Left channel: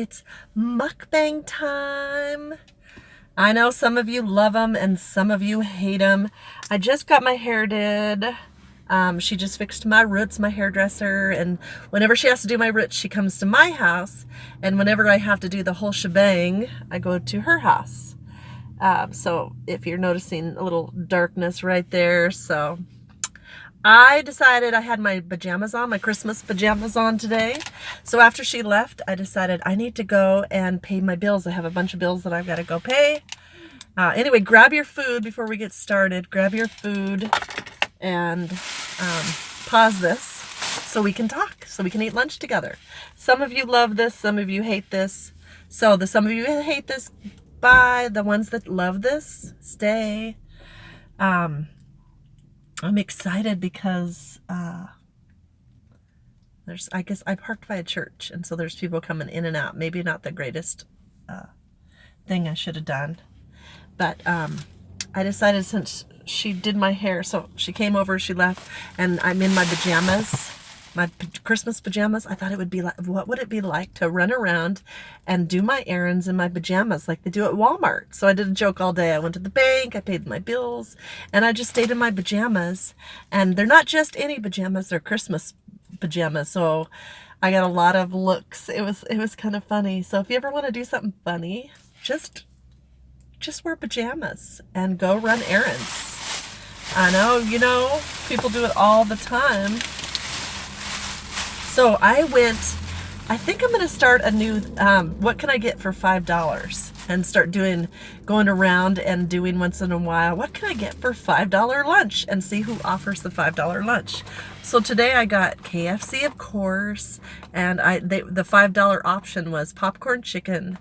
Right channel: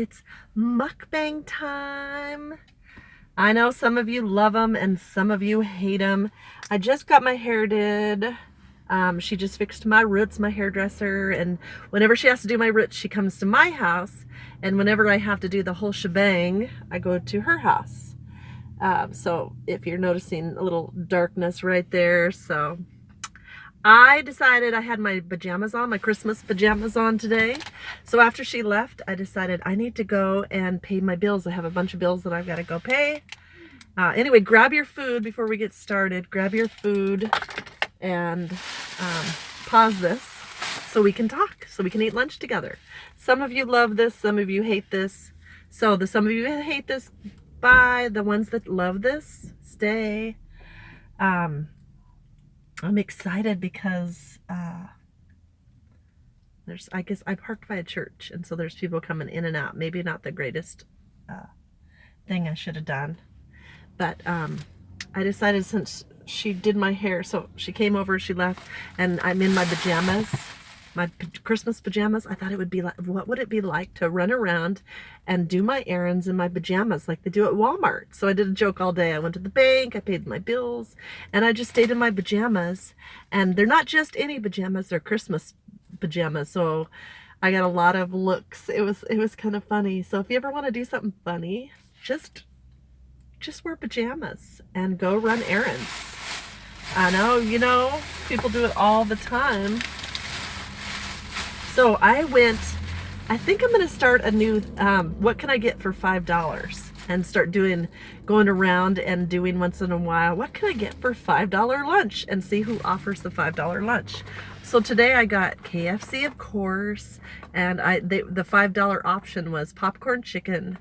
It's mukbang time. I know some of you love them and some of you hate them. I just got my hair did. She just fixed my roots, my hairdresser, and whenever she has to do my roots, she comes to my house, and whenever I have to do the whole shebang, I go to her house. So if you're noticing a little darkness right there, so I decided I had my pajamas on, my Christmas pajamas on today. So after she left, I decided I need to go and pay my bills. I have a bunch of bills that I've got to go pay. Anyway, grab your food before we get started. Grab your food and pause this so we can talk, so we can eat lunch together. Some of you love this, some of you hate this. So some of you hate this, bye. The ones that love this, stay. I'm excited because I guess I parked by a church, and so there's people coming in and out. Maybe not the greatest thing I should have done, but I decided, since she did my hair, so she came over, she left, and I'm in my pajamas, my Christmas pajamas. I thought it would be like, what would it be like to run around and do my errands in my pajamas like they do at Walmart? So I did a joke all day. I went to the bank, I paid my bills, and I just stayed in my pajamas. And they're not just any pajamas, they're Christmas pajamas. So I got a lot of looks. It was kind of funny. So if you ever want to do something funny, just wear pajamas and go run errands. I know, you know, people do it all the time. So I think I'm going to start a new, what can I get for $5? And start going around and doing once in a while, what can I get for $5 lunch? And see who offers the $5 lunch. So today I got KFC, of course, and the $5 option was popcorn chicken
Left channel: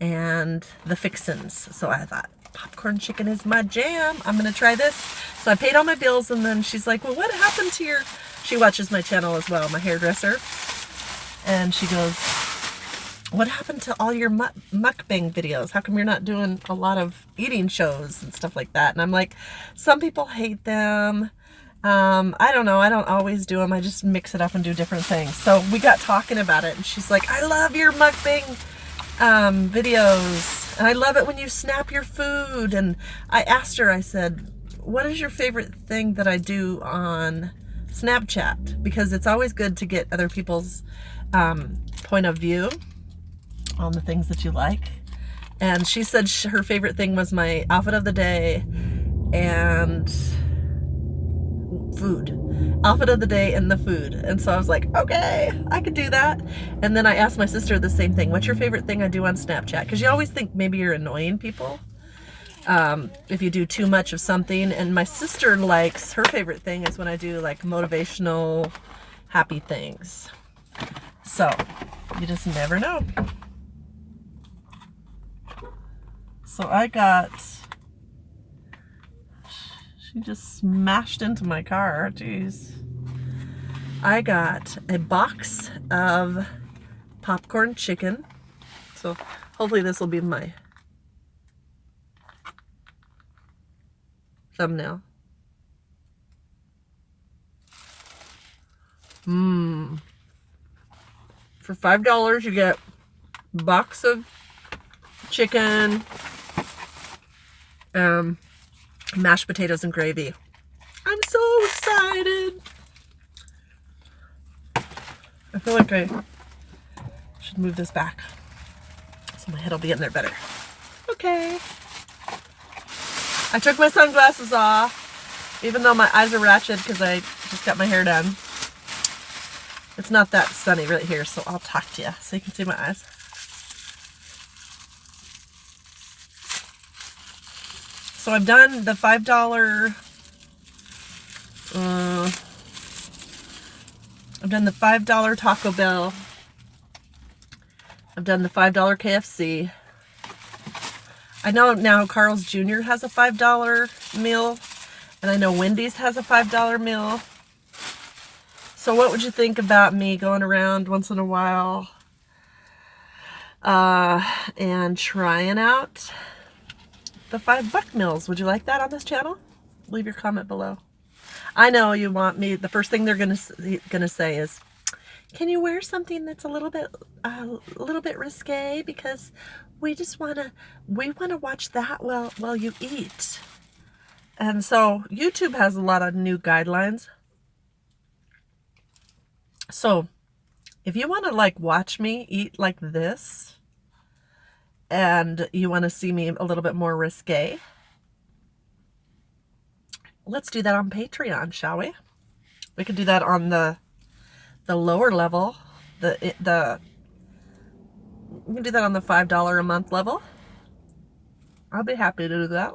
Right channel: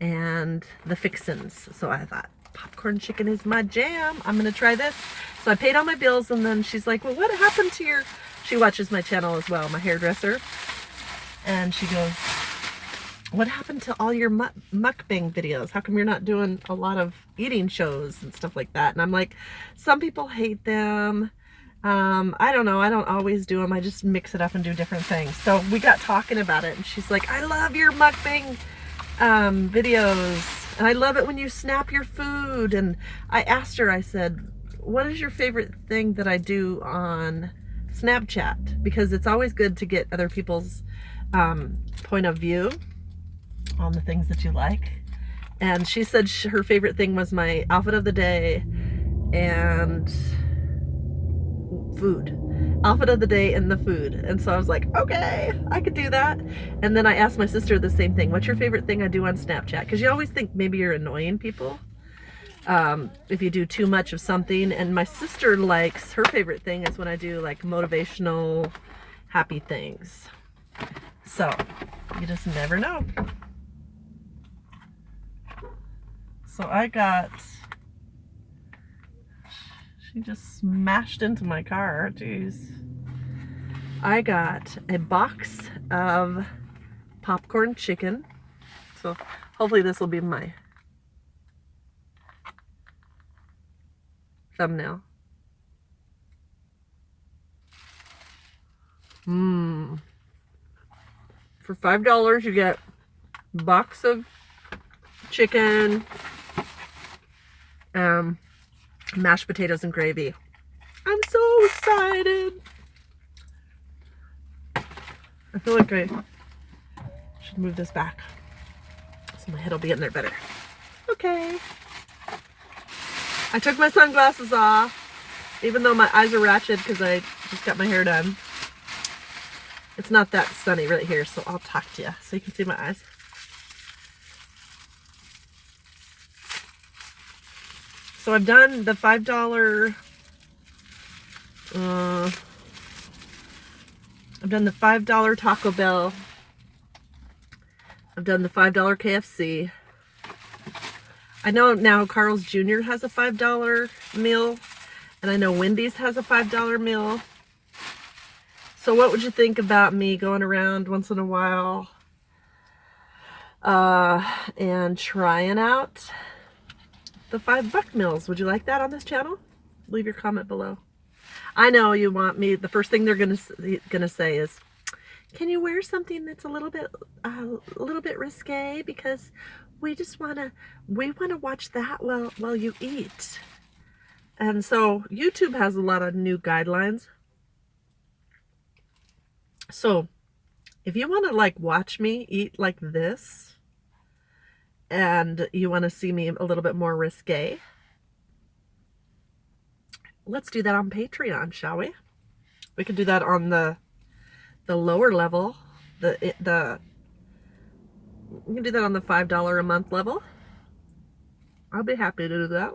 and the fixins. So I thought, popcorn chicken is my jam. I'm going to try this. So I paid all my bills, and then she's like, well, what happened to she watches my channel as well, my hairdresser. And she goes, what happened to all your mukbang videos? How come you're not doing a lot of eating shows and stuff like that? And I'm like, some people hate them. I don't know. I don't always do them. I just mix it up and do different things. So we got talking about it, and she's like, I love your mukbang videos. And I love it when you snap your food. And I asked her, I said, what is your favorite thing that I do on Snapchat? Because it's always good to get other people's point of view on the things that you like. And she said her favorite thing was my outfit of the day and food. Outfit of the day and the food. And so I was like, okay, I could do that. And then I asked my sister the same thing. What's your favorite thing I do on Snapchat? Because you always think maybe you're annoying people if you do too much of something. And my sister likes, her favorite thing is when I do like motivational, happy things. So you just never know. So I got, she just smashed into my car. Jeez. I got a box of popcorn chicken. So hopefully this will be my thumbnail. For $5 you get a box of chicken, mashed potatoes and gravy. I'm so excited. I feel like I should move this back so my head will be in there better. Okay. I took my sunglasses off, even though my eyes are ratchet because I just got my hair done. It's not that sunny right here, so I'll talk to you so you can see my eyes. So I've done the $5, I've done the $5 Taco Bell. I've done the $5 KFC. I know now Carl's Jr. has a $5 meal, and I know Wendy's has a $5 meal. So what would you think about me going around once in a while and trying out the $5 meals? Would you like that on this channel? Leave your comment below. I know you want me, the first thing they're gonna say is, can you wear something that's a little bit risque, because we want to watch that while you eat. And so YouTube has a lot of new guidelines. So if you want to like watch me eat like this, and you want to see me a little bit more risque, let's do that on Patreon, shall we? We could do that on the lower level. We can do that on the $5 a month level. I'll be happy to do that.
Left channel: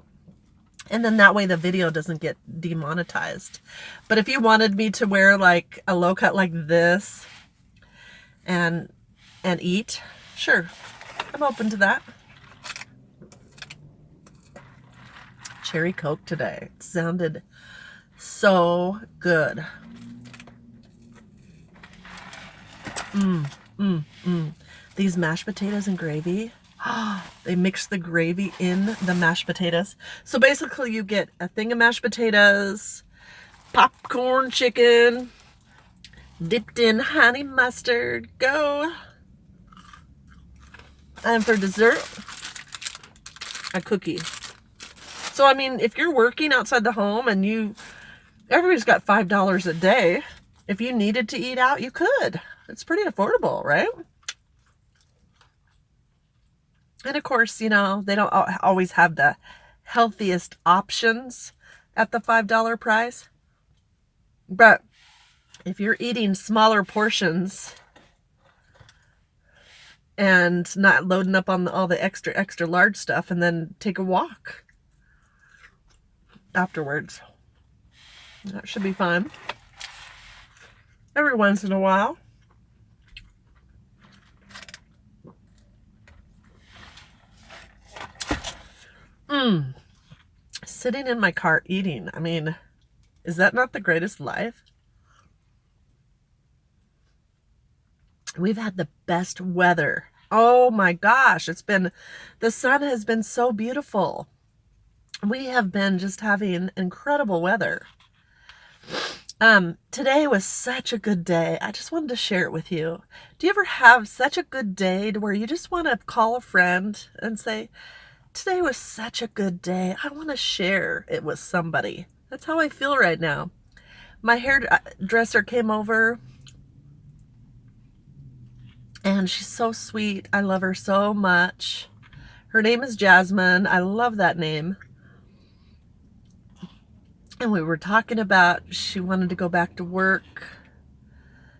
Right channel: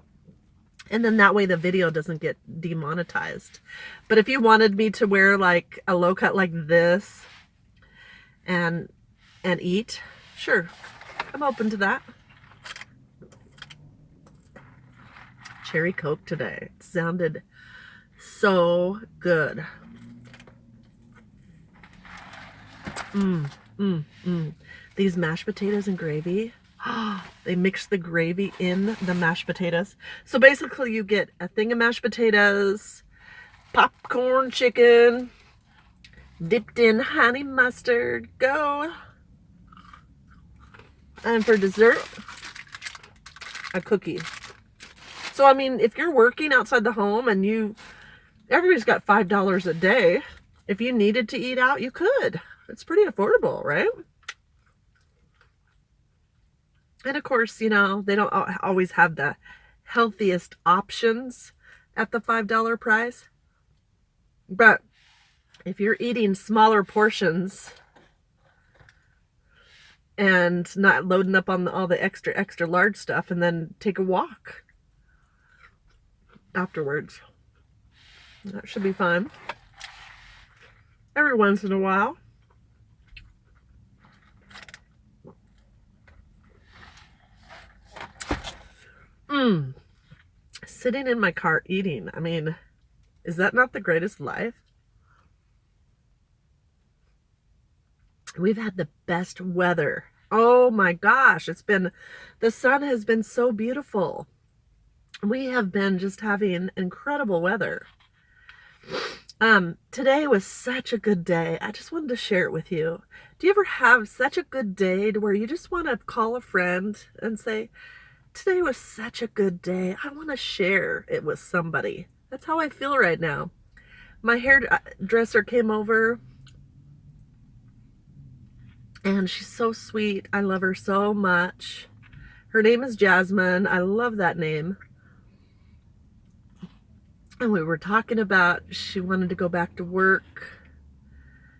And then that way the video doesn't get demonetized. But if you wanted me to wear like a low cut like this and eat, sure, I'm open to that. Cherry Coke today. It sounded so good. These mashed potatoes and gravy. They mix the gravy in the mashed potatoes. So basically you get a thing of mashed potatoes, popcorn chicken, dipped in honey mustard, go. And for dessert, a cookie. So I mean, if you're working outside the home and everybody's got $5 a day, if you needed to eat out, you could. It's pretty affordable, right? And of course, you know, they don't always have the healthiest options at the $5 price. But if you're eating smaller portions and not loading up on all the extra large stuff, and then take a walk afterwards, that should be fun. Every once in a while. Sitting in my car eating. I mean, is that not the greatest life? We've had the best weather. Oh my gosh, the sun has been so beautiful. We have been just having incredible weather. Today was such a good day. I just wanted to share it with you. Do you ever have such a good day to where you just want to call a friend and say, today was such a good day. I want to share it with somebody. That's how I feel right now. My hairdresser came over and she's so sweet. I love her so much. Her name is Jasmine. I love that name. And we were talking about she wanted to go back to work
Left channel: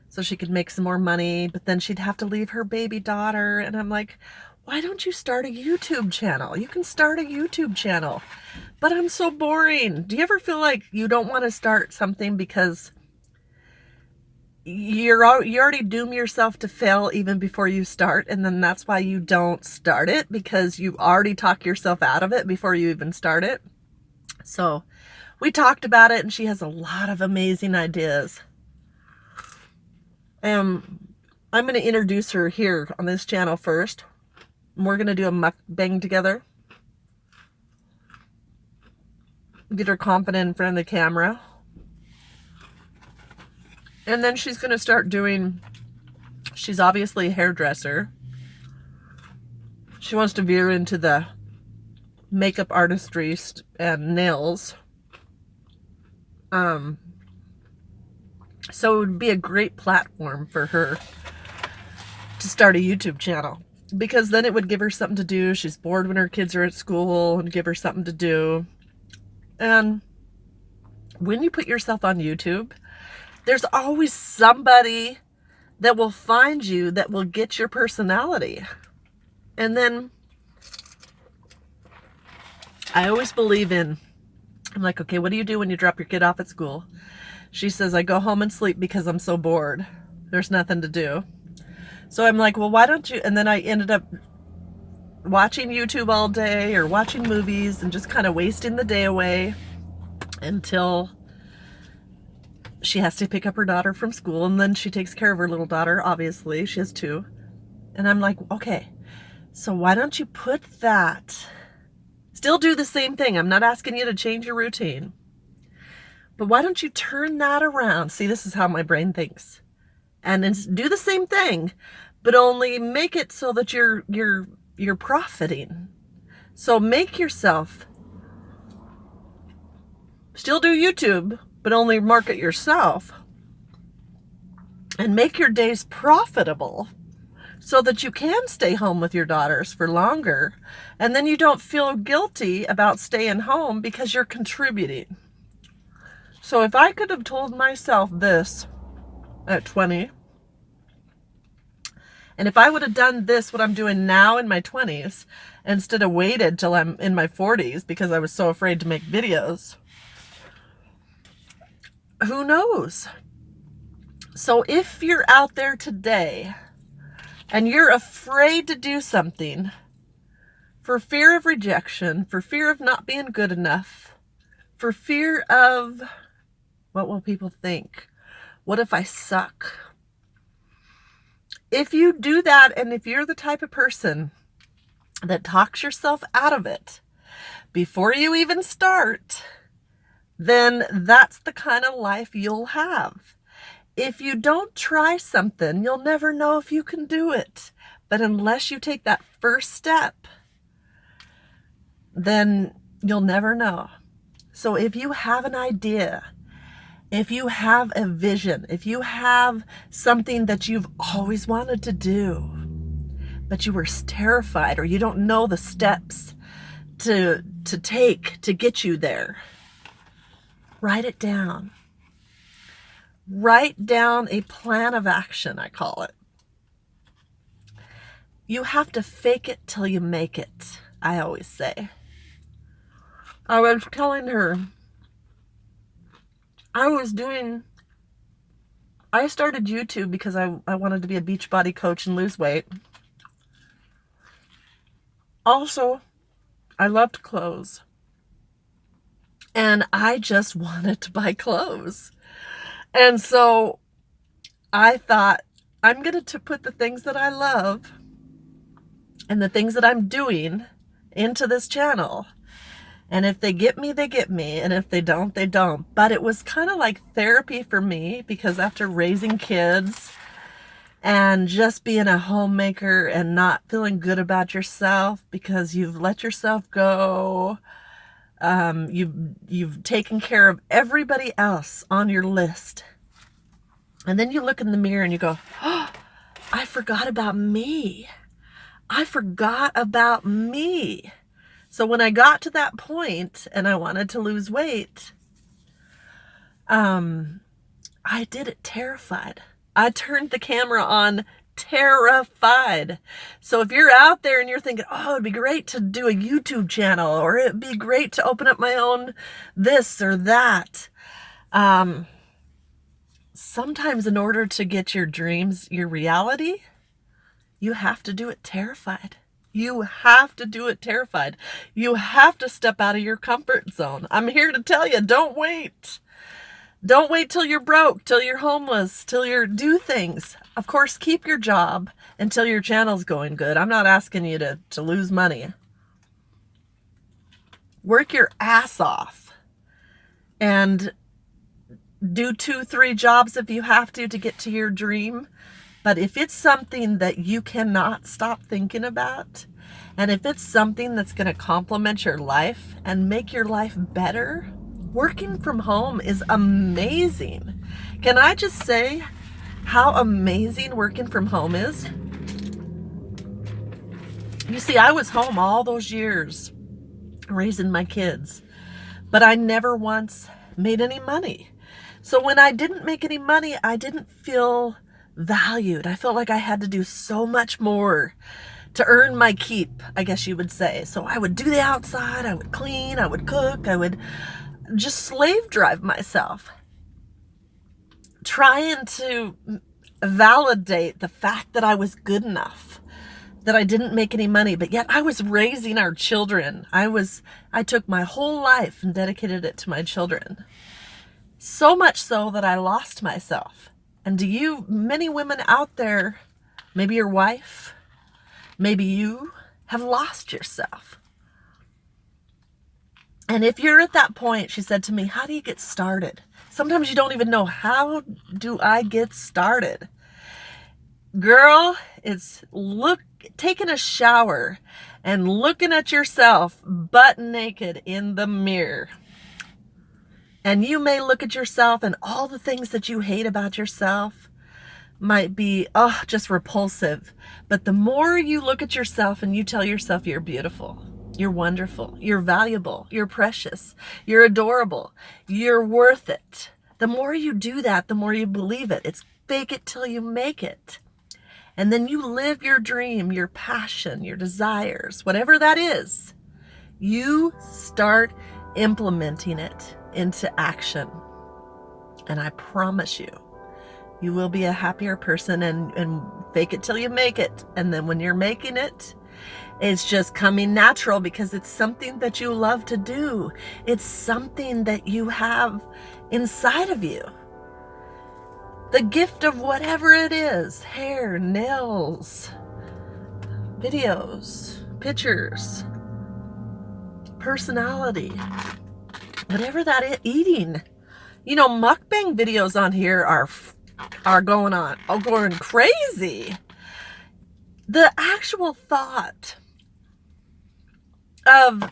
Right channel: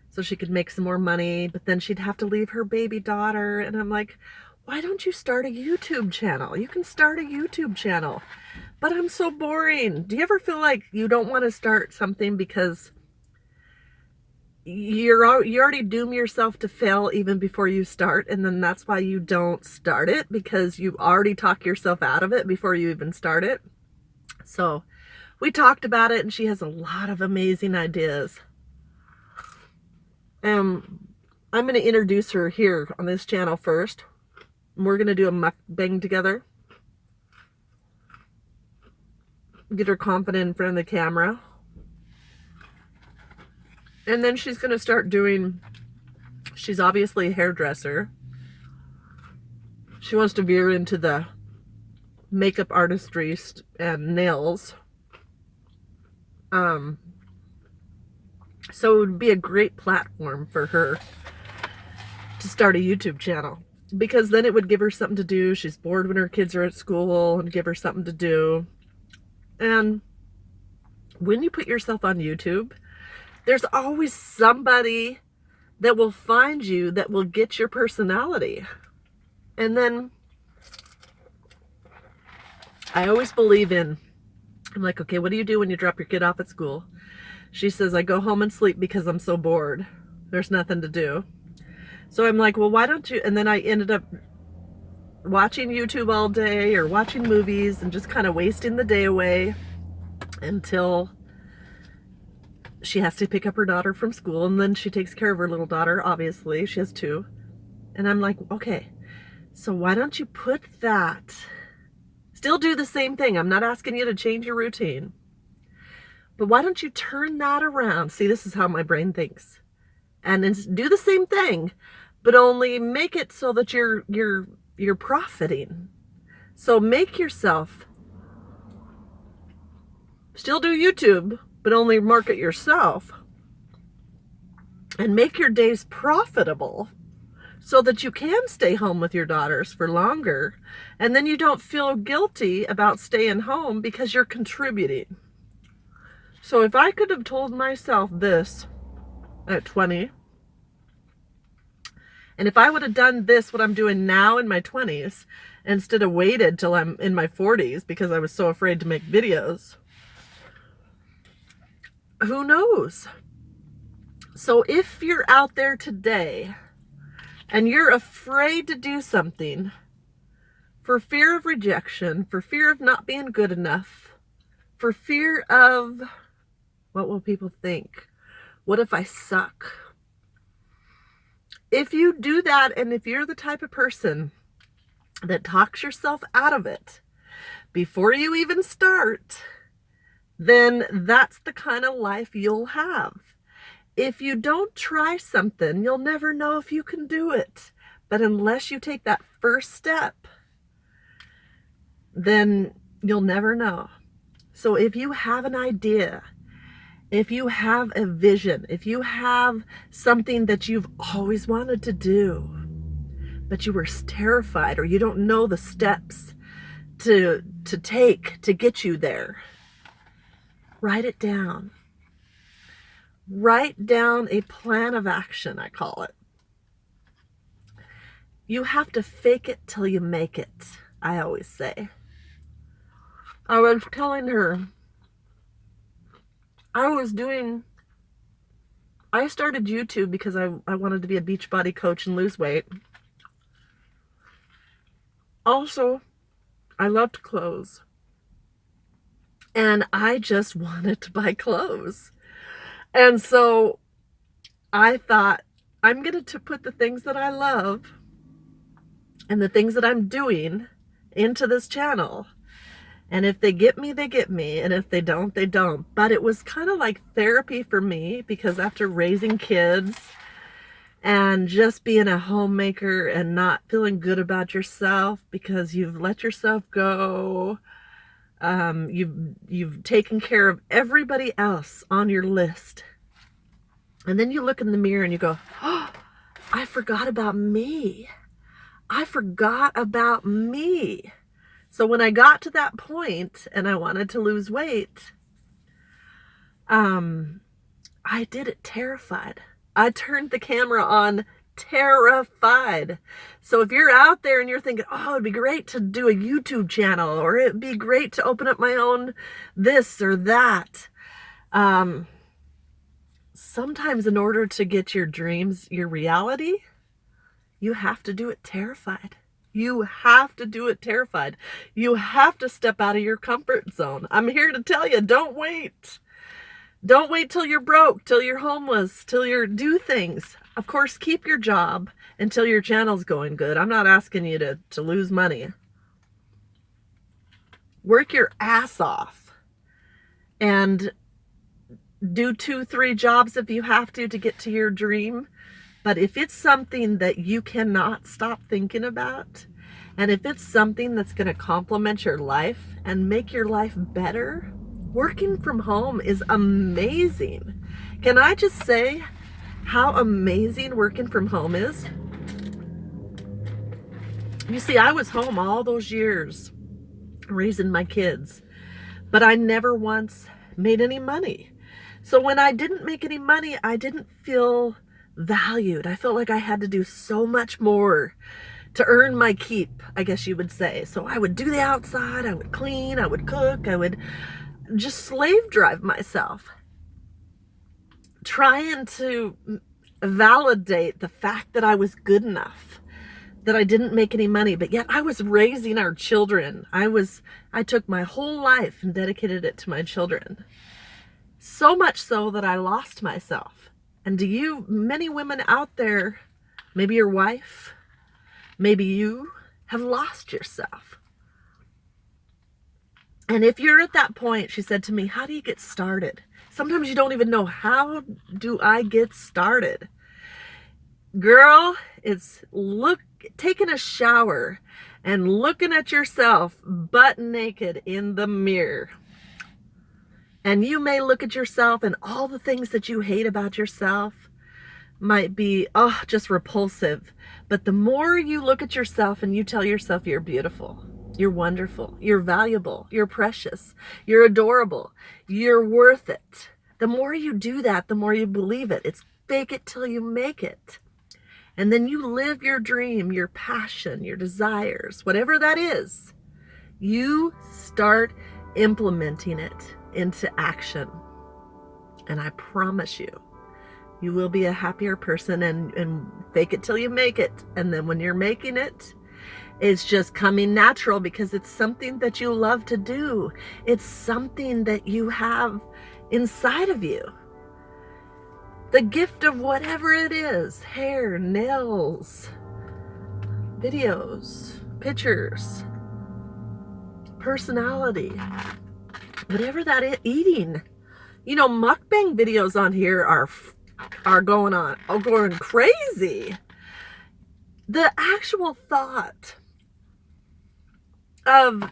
so she could make some more money, but then she'd have to leave her baby daughter. And I'm like, why don't you start a YouTube channel? You can start a YouTube channel. But I'm so boring. Do you ever feel like you don't want to start something because you already doom yourself to fail even before you start, and then that's why you don't start it, because you already talk yourself out of it before you even start it? So we talked about it, and she has a lot of amazing ideas. I'm going to introduce her here on this channel first. We're going to do a mukbang together. Get her confident in front of the camera. And then she's going to start doing, she's obviously a hairdresser. She wants to veer into the makeup artistry and nails. So it would be a great platform for her to start a YouTube channel, because then it would give her something to do. She's bored when her kids are at school, and give her something to do. And when you put yourself on YouTube, there's always somebody that will find you that will get your personality. And then I always believe in, I'm like, okay, what do you do when you drop your kid off at school? She says, I go home and sleep because I'm so bored. There's nothing to do. So I'm like, well, why don't you? And then I ended up watching YouTube all day or watching movies and just kind of wasting the day away until she has to pick up her daughter from school. And then she takes care of her little daughter, obviously. She has two. And I'm like, okay, so why don't you put that? Still do the same thing. I'm not asking you to change your routine. But why don't you turn that around? See, this is how my brain thinks. and do the same thing, but only make it so that you're profiting. So make yourself still do YouTube, but only market yourself, and make your days profitable so that you can stay home with your daughters for longer, and then you don't feel guilty about staying home because you're contributing. So if I could have told myself this at 20, and if I would have done this, what I'm doing now in my 20s, instead of waited till I'm in my 40s because I was so afraid to make videos, who knows? So if you're out there today and you're afraid to do something for fear of rejection, for fear of not being good enough, for fear of what will people think? What if I suck? If you do that, and if you're the type of person that talks yourself out of it before you even start, then that's the kind of life you'll have. If you don't try something, you'll never know if you can do it. But unless you take that first step, then you'll never know. So if you have an idea, if you have a vision, if you have something that you've always wanted to do, but you were terrified, or you don't know the steps to take to get you there, write it down. Write down a plan of action, I call it. You have to fake it till you make it, I always say. I was telling her, I started YouTube because I wanted to be a Beachbody coach and lose weight. Also, I loved clothes. And I just wanted to buy clothes. And so I thought, I'm going to put the things that I love and the things that I'm doing into this channel. And if they get me, they get me. And if they don't, they don't. But it was kind of like therapy for me, because after raising kids and just being a homemaker and not feeling good about yourself because you've let yourself go, you've taken care of everybody else on your list. And then you look in the mirror and you go, oh, I forgot about me. I forgot about me. So when I got to that point and I wanted to lose weight, I did it terrified. I turned the camera on terrified. So if you're out there and you're thinking, oh, it'd be great to do a YouTube channel, or it'd be great to open up my own this or that. Sometimes in order to get your dreams, your reality, you have to do it terrified. You have to do it terrified. You have to step out of your comfort zone. I'm here to tell you, don't wait. Don't wait till you're broke, till you're homeless, till do things. Of course, keep your job until your channel's going good. I'm not asking you to lose money. Work your ass off and do 2-3 jobs if you have to get to your dream. But if it's something that you cannot stop thinking about, and if it's something that's going to complement your life and make your life better, working from home is amazing. Can I just say how amazing working from home is? You see, I was home all those years raising my kids, but I never once made any money. So when I didn't make any money, I didn't feel valued. I felt like I had to do so much more to earn my keep, I guess you would say. So I would do the outside, I would clean, I would cook, I would just slave drive myself, trying to validate the fact that I was good enough, that I didn't make any money, but yet I was raising our children. I took my whole life and dedicated it to my children. So much so that I lost myself. And many women out there, maybe your wife, maybe you have lost yourself. And if you're at that point, she said to me, how do you get started? Sometimes you don't even know, how do I get started? Girl, it's taking a shower and looking at yourself butt naked in the mirror. And you may look at yourself and all the things that you hate about yourself might be, oh, just repulsive. But the more you look at yourself and you tell yourself you're beautiful, you're wonderful, you're valuable, you're precious, you're adorable, you're worth it. The more you do that, the more you believe it. It's fake it till you make it. And then you live your dream, your passion, your desires, whatever that is. You start implementing it into action. And I promise you, you will be a happier person, and fake it till you make it. And then when you're making it, it's just coming natural because it's something that you love to do. It's something that you have inside of you. The gift of whatever it is, hair, nails, videos, pictures, personality, whatever that is, eating. You know, mukbang videos on here are going crazy. The actual thought of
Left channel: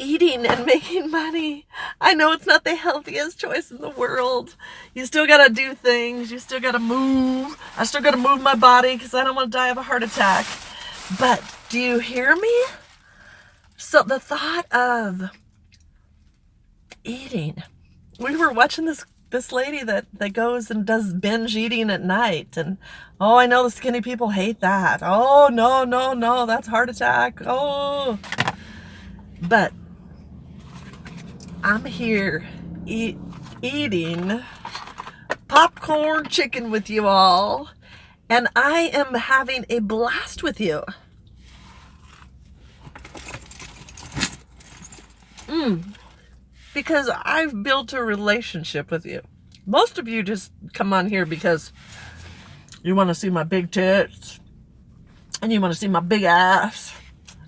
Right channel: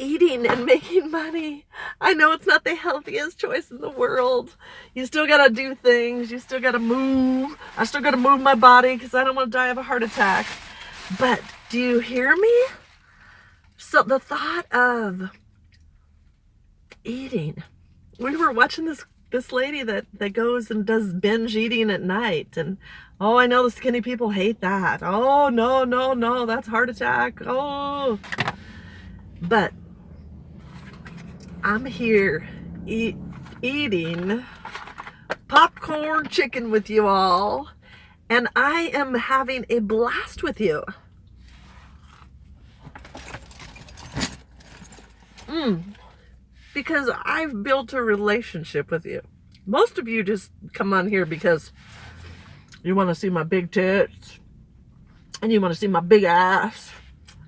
eating and making money, I know it's not the healthiest choice in the world. You still gotta do things, you still gotta move. I still gotta move my body because I don't want to die of a heart attack. But do you hear me? So the thought of eating, we were watching this lady that goes and does binge eating at night, and oh, I know the skinny people hate that. Oh, no, that's heart attack. Oh, but I'm here eating popcorn chicken with you all, and I am having a blast with you. Because I've built a relationship with you. Most of you just come on here because you want to see my big tits and you want to see my big ass,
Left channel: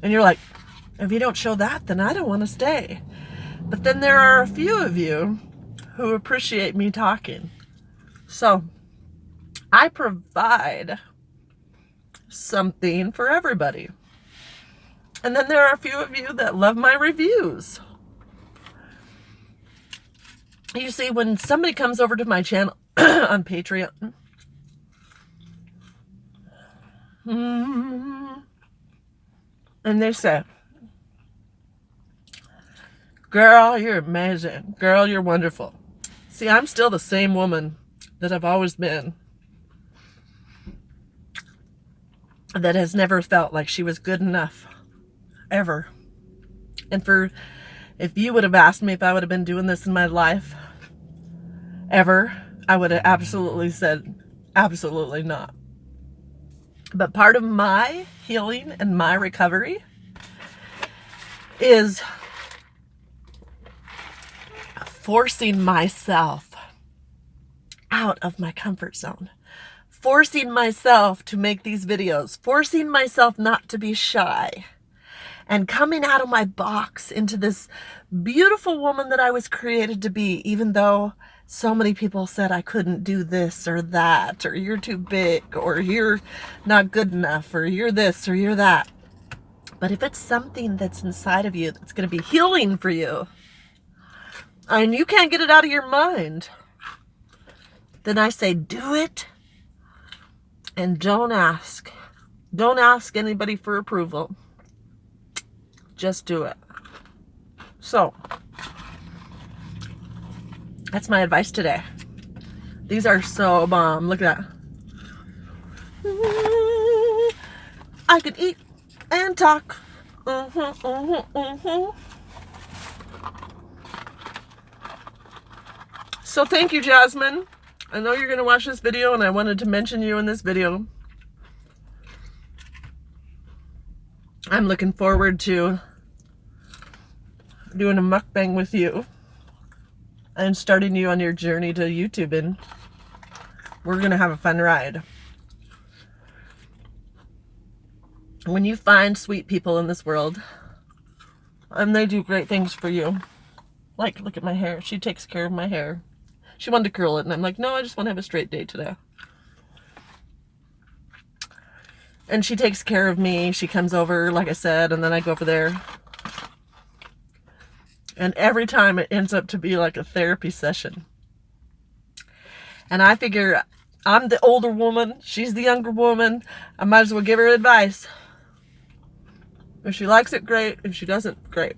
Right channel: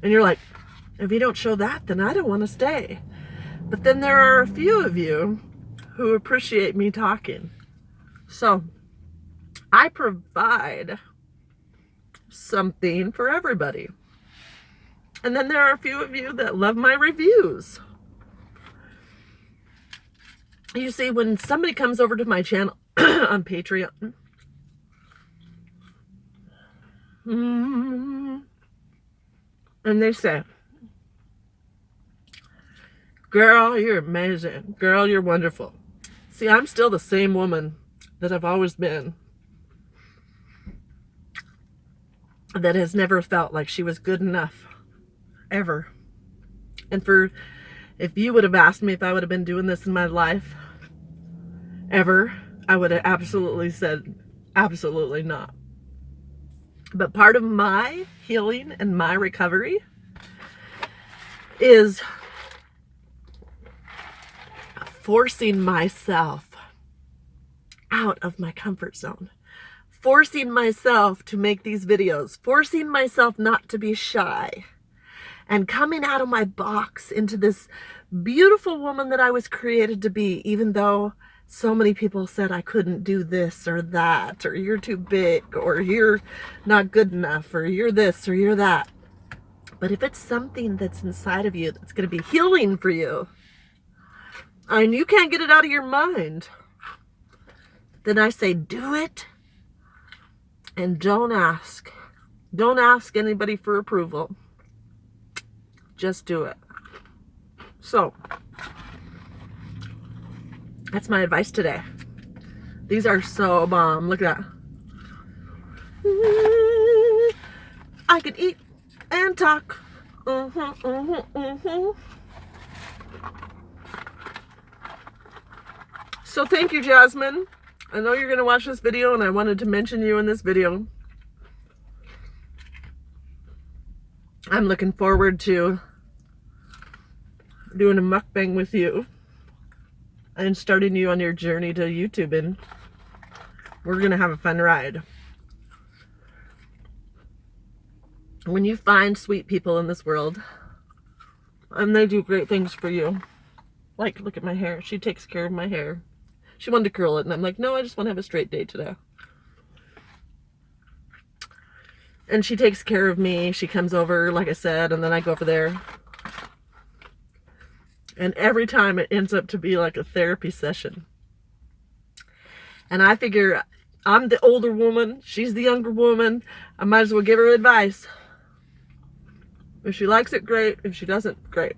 and you're like, if you don't show that, then I don't want to stay. But then there are a few of you who appreciate me talking. So I provide something for everybody. And then there are a few of you that love my reviews. You see, when somebody comes over to my channel on Patreon, and they say, girl, you're amazing. Girl, you're wonderful. See, I'm still the same woman that I've always been, that has never felt like she was good enough, ever. And if you would have asked me if I would have been doing this in my life, ever, I would have absolutely said, absolutely not. But part of my healing and my recovery is forcing myself out of my comfort zone, forcing myself to make these videos, forcing myself not to be shy, and coming out of my box into this beautiful woman that I was created to be, even though so many people said I couldn't do this or that, or you're too big, or you're not good enough, or you're this or you're that. But if it's something that's inside of you that's going to be healing for you, and you can't get it out of your mind, then I say do it, and don't ask. Don't ask anybody for approval. Just do it. So that's my advice today. These are so bomb. Look at that. I can eat and talk. So thank you, Jasmine. I know you're going to watch this video, and I wanted to mention you in this video. I'm looking forward to doing a mukbang with you and starting you on your journey to YouTube, and we're going to have a fun ride. When you find sweet people in this world, and they do great things for you, like, look at my hair. She takes care of my hair. She wanted to curl it, and I'm like, no, I just want to have a straight day today. And she takes care of me. She comes over, like I said, and then I go over there. And every time it ends up to be like a therapy session. And I figure I'm the older woman. She's the younger woman. I might as well give her advice. If she likes it, great. If she doesn't, great.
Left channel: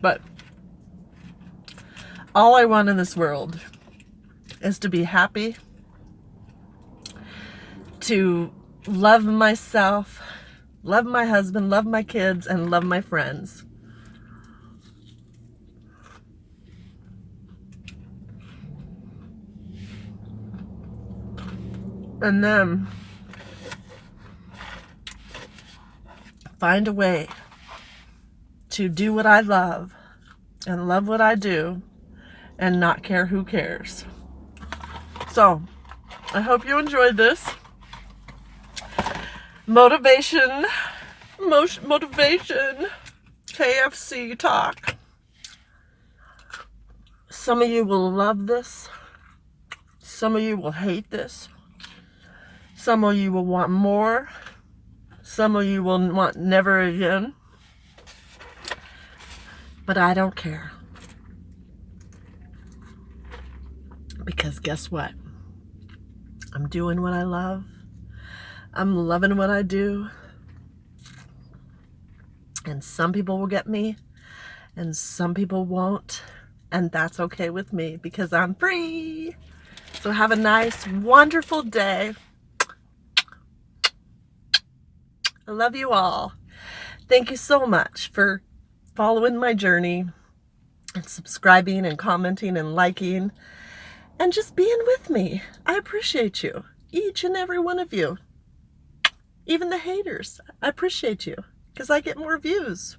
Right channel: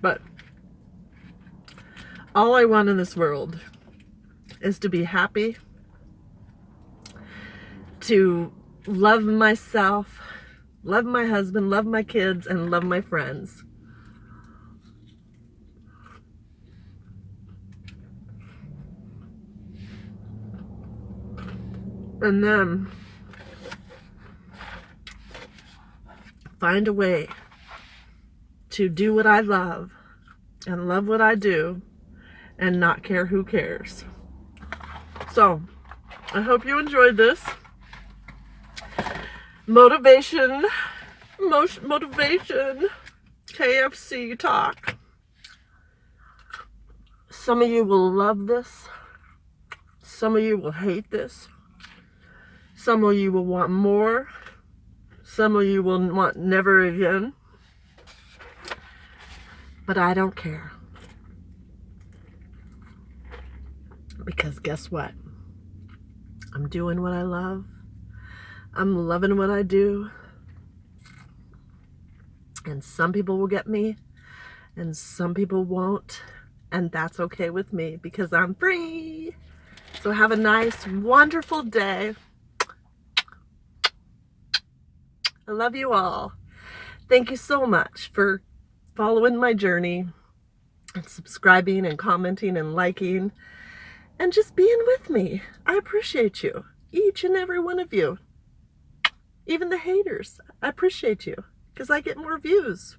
But all I want in this world is to be happy, to love myself, love my husband, love my kids, and love my friends. And then find a way to do what I love and love what I do and not care who cares. So, I hope you enjoyed this. Motivation, KFC talk. Some of you will love this. Some of you will hate this. Some of you will want more. Some of you will want never again. But I don't care. Because guess what? I'm doing what I love. I'm loving what I do. And some people will get me, and some people won't. And that's okay with me because I'm free. So have a nice, wonderful day. I love you all. Thank you so much for following my journey and subscribing and commenting and liking and just being with me. I appreciate you, each and every one of you. Even the haters, I appreciate you because I get more views.